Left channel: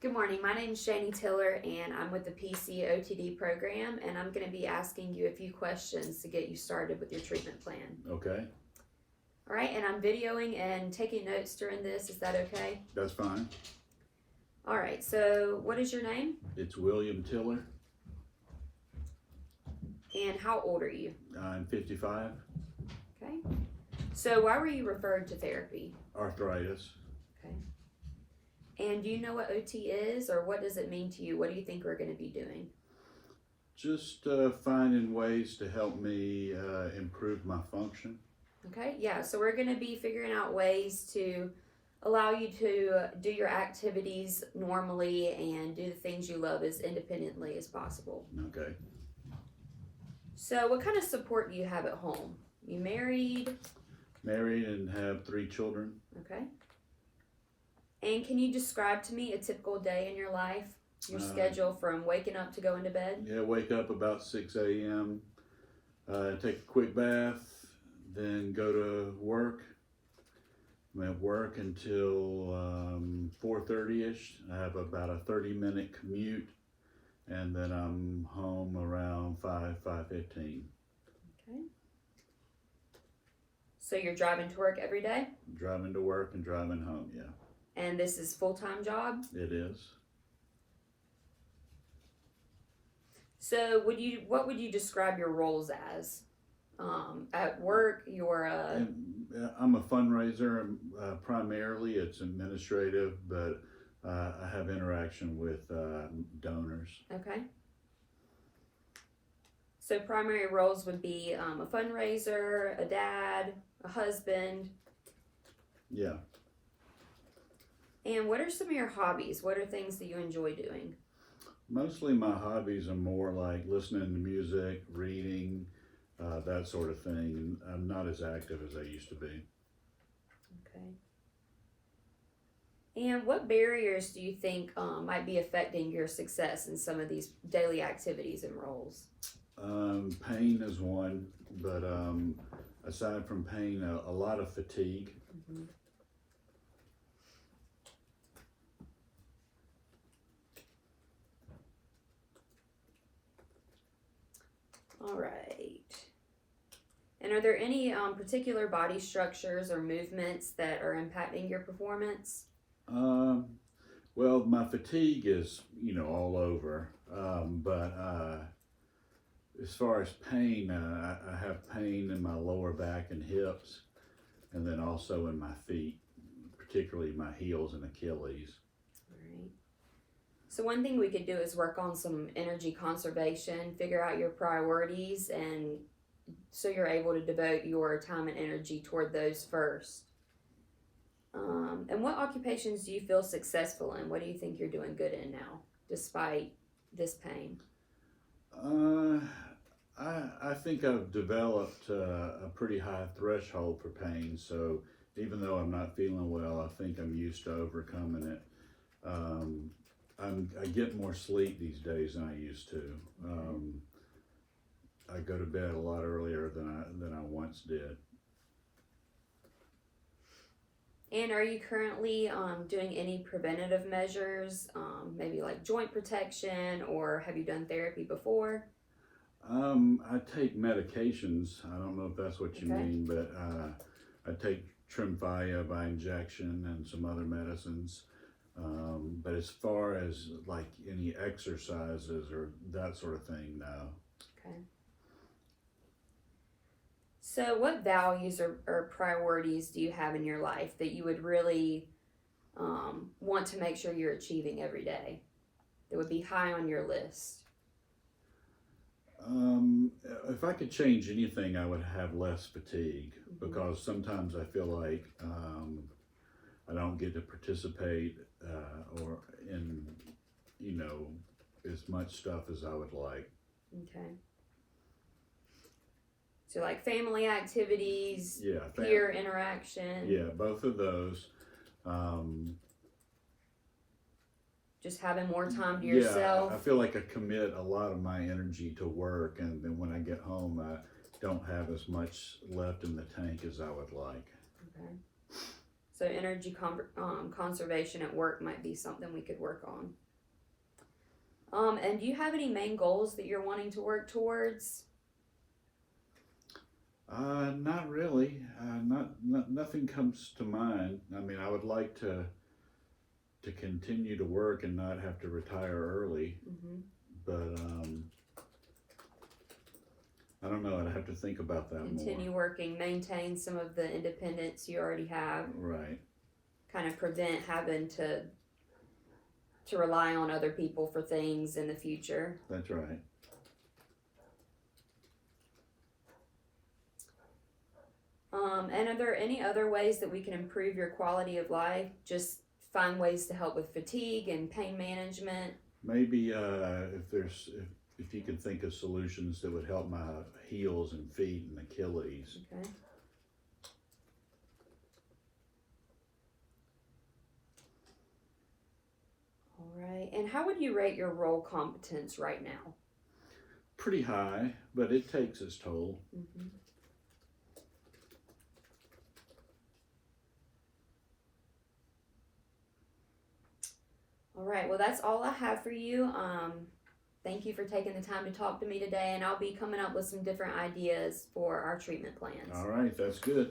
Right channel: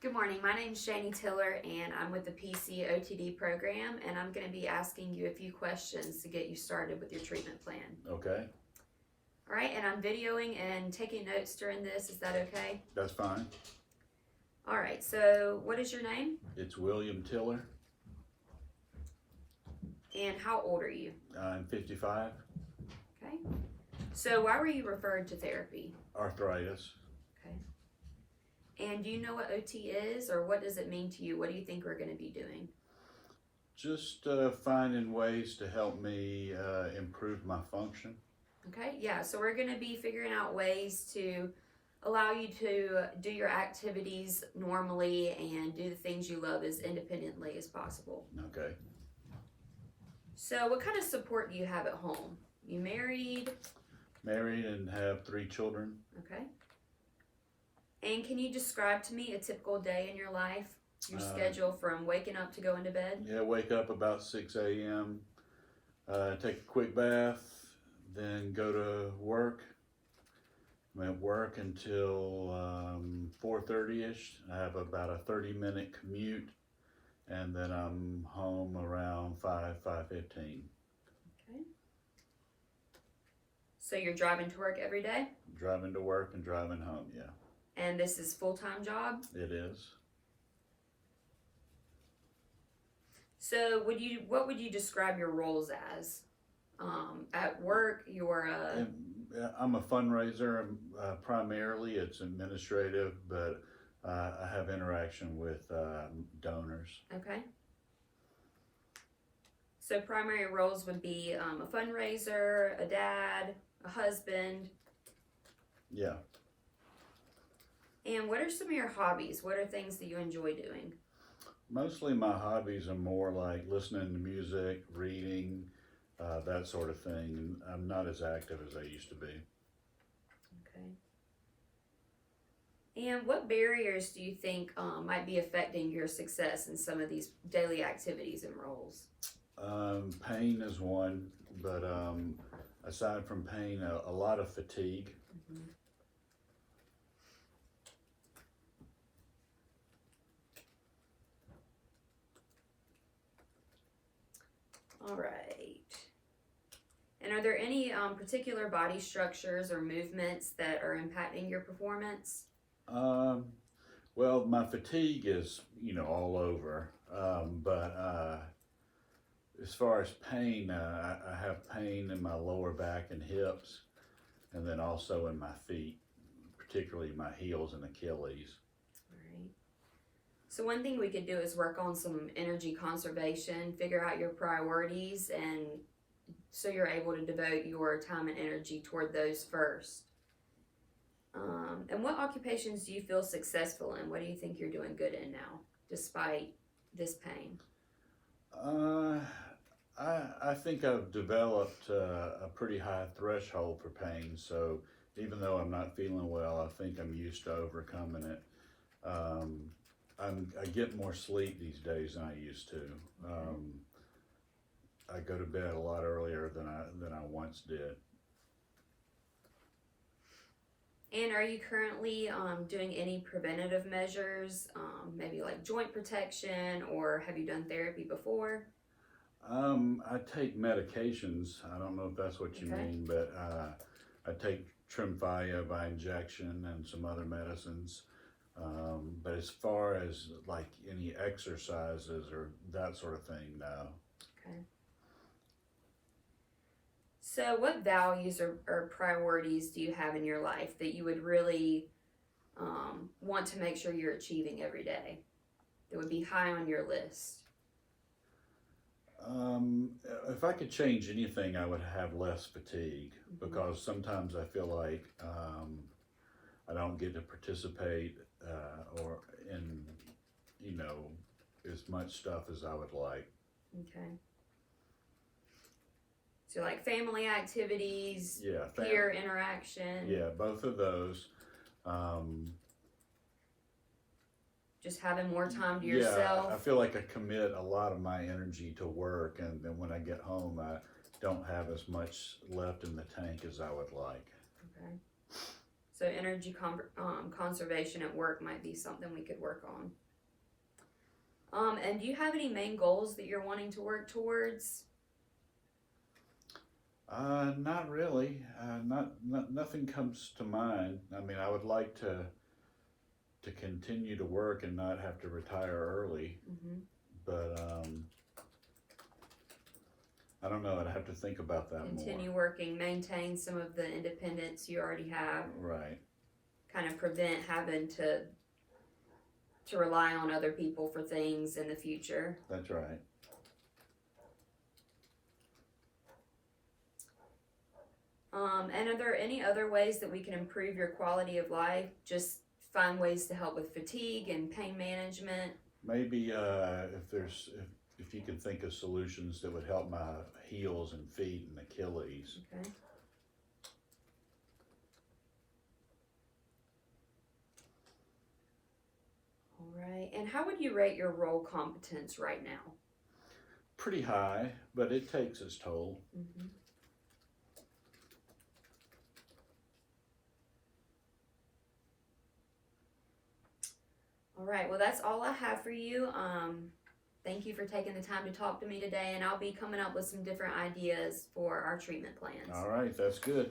Good morning. My name is Shani Tiller, and I'm with the AOTA program, and I'm going to be asking you a few questions to get you started with your treatment plan. Okay, All right, and I'm videoing and taking notes during this. Is that okay? that's fine. All right, so what is your name, It's William Tiller. and how old are you? I'm 55. Okay. So why were you referred to therapy? Arthritis. Okay. And do you know what OT is, or what does it mean to you? What do you think we're going to be doing? Just finding ways to help me improve my function. Okay, yeah, so we're going to be figuring out ways to allow you to do your activities normally and do the things you love as independently as possible. Okay. So what kind of support do you have at home? You married? Married and have 3 children. Okay. And can you describe to me a typical day in your life? Your schedule from waking up to going to bed? Yeah, wake up about 6 a.m., take a quick bath, then go to work. I'm at work until 4:30ish. I have about a 30-minute commute, and then I'm home around 5:15. Okay. So you're driving to work every day? Driving to work and driving home, yeah. And this is full-time job? It is. So what would you describe your roles as? At work, you're a... I'm a fundraiser. Primarily, it's administrative, but I have interaction with donors. Okay. So primary roles would be a fundraiser, a dad, a husband. Yeah. And what are some of your hobbies? What are things that you enjoy doing? Mostly my hobbies are more like listening to music, reading, that sort of thing. I'm not as active as I used to be. Okay. And what barriers do you think might be affecting your success in some of these daily activities and roles? Pain is one, but aside from pain, a lot of fatigue. Mm-hmm. All right. And are there any particular body structures or movements that are impacting your performance? Well, my fatigue is, all over. But as far as pain, I have pain in my lower back and hips, and then also in my feet, particularly my heels and Achilles. All right. So one thing we could do is work on some energy conservation, figure out your priorities, and so you're able to devote your time and energy toward those first. And what occupations do you feel successful in? What do you think you're doing good in now, despite this pain? I think I've developed a pretty high threshold for pain, so even though I'm not feeling well, I think I'm used to overcoming it. I get more sleep these days than I used to. I go to bed a lot earlier than I once did. And are you currently doing any preventative measures, maybe like joint protection, or have you done therapy before? I take medications. I don't know if that's what you Okay. mean, but I take Tremfya by injection and some other medicines. But as far as like any exercises or that sort of thing, no. Okay. So what values or priorities do you have in your life that you would really want to make sure you're achieving every day, that would be high on your list? If I could change anything, I would have less fatigue, Mm-hmm. because sometimes I feel like I don't get to participate or in, as much stuff as I would like. Okay. So like family activities, Yeah, peer interaction. Yeah, both of those. Just having more time to Yeah, yourself. I feel like I commit a lot of my energy to work, and then when I get home, I don't have as much left in the tank as I would like. Okay. So energy conservation at work might be something we could work on. And do you have any main goals that you're wanting to work towards? Not really. Nothing comes to mind. I mean, I would like to continue to work and not have to retire early, Mm-hmm. but I don't know. I'd have to think about that Continue more. working, maintain some of the independence you already have. Right. Kind of prevent having to rely on other people for things in the future. That's right. And are there any other ways that we can improve your quality of life? Just find ways to help with fatigue and pain management. Maybe if you could think of solutions that would help my heels and feet and Achilles. Okay. All right. And how would you rate your role competence right now? Pretty high, but it takes its toll. Mm-hmm. All right. Well, that's all I have for you. Thank you for taking the time to talk to me today, and I'll be coming up with some different ideas for our treatment plans. All right, that's good.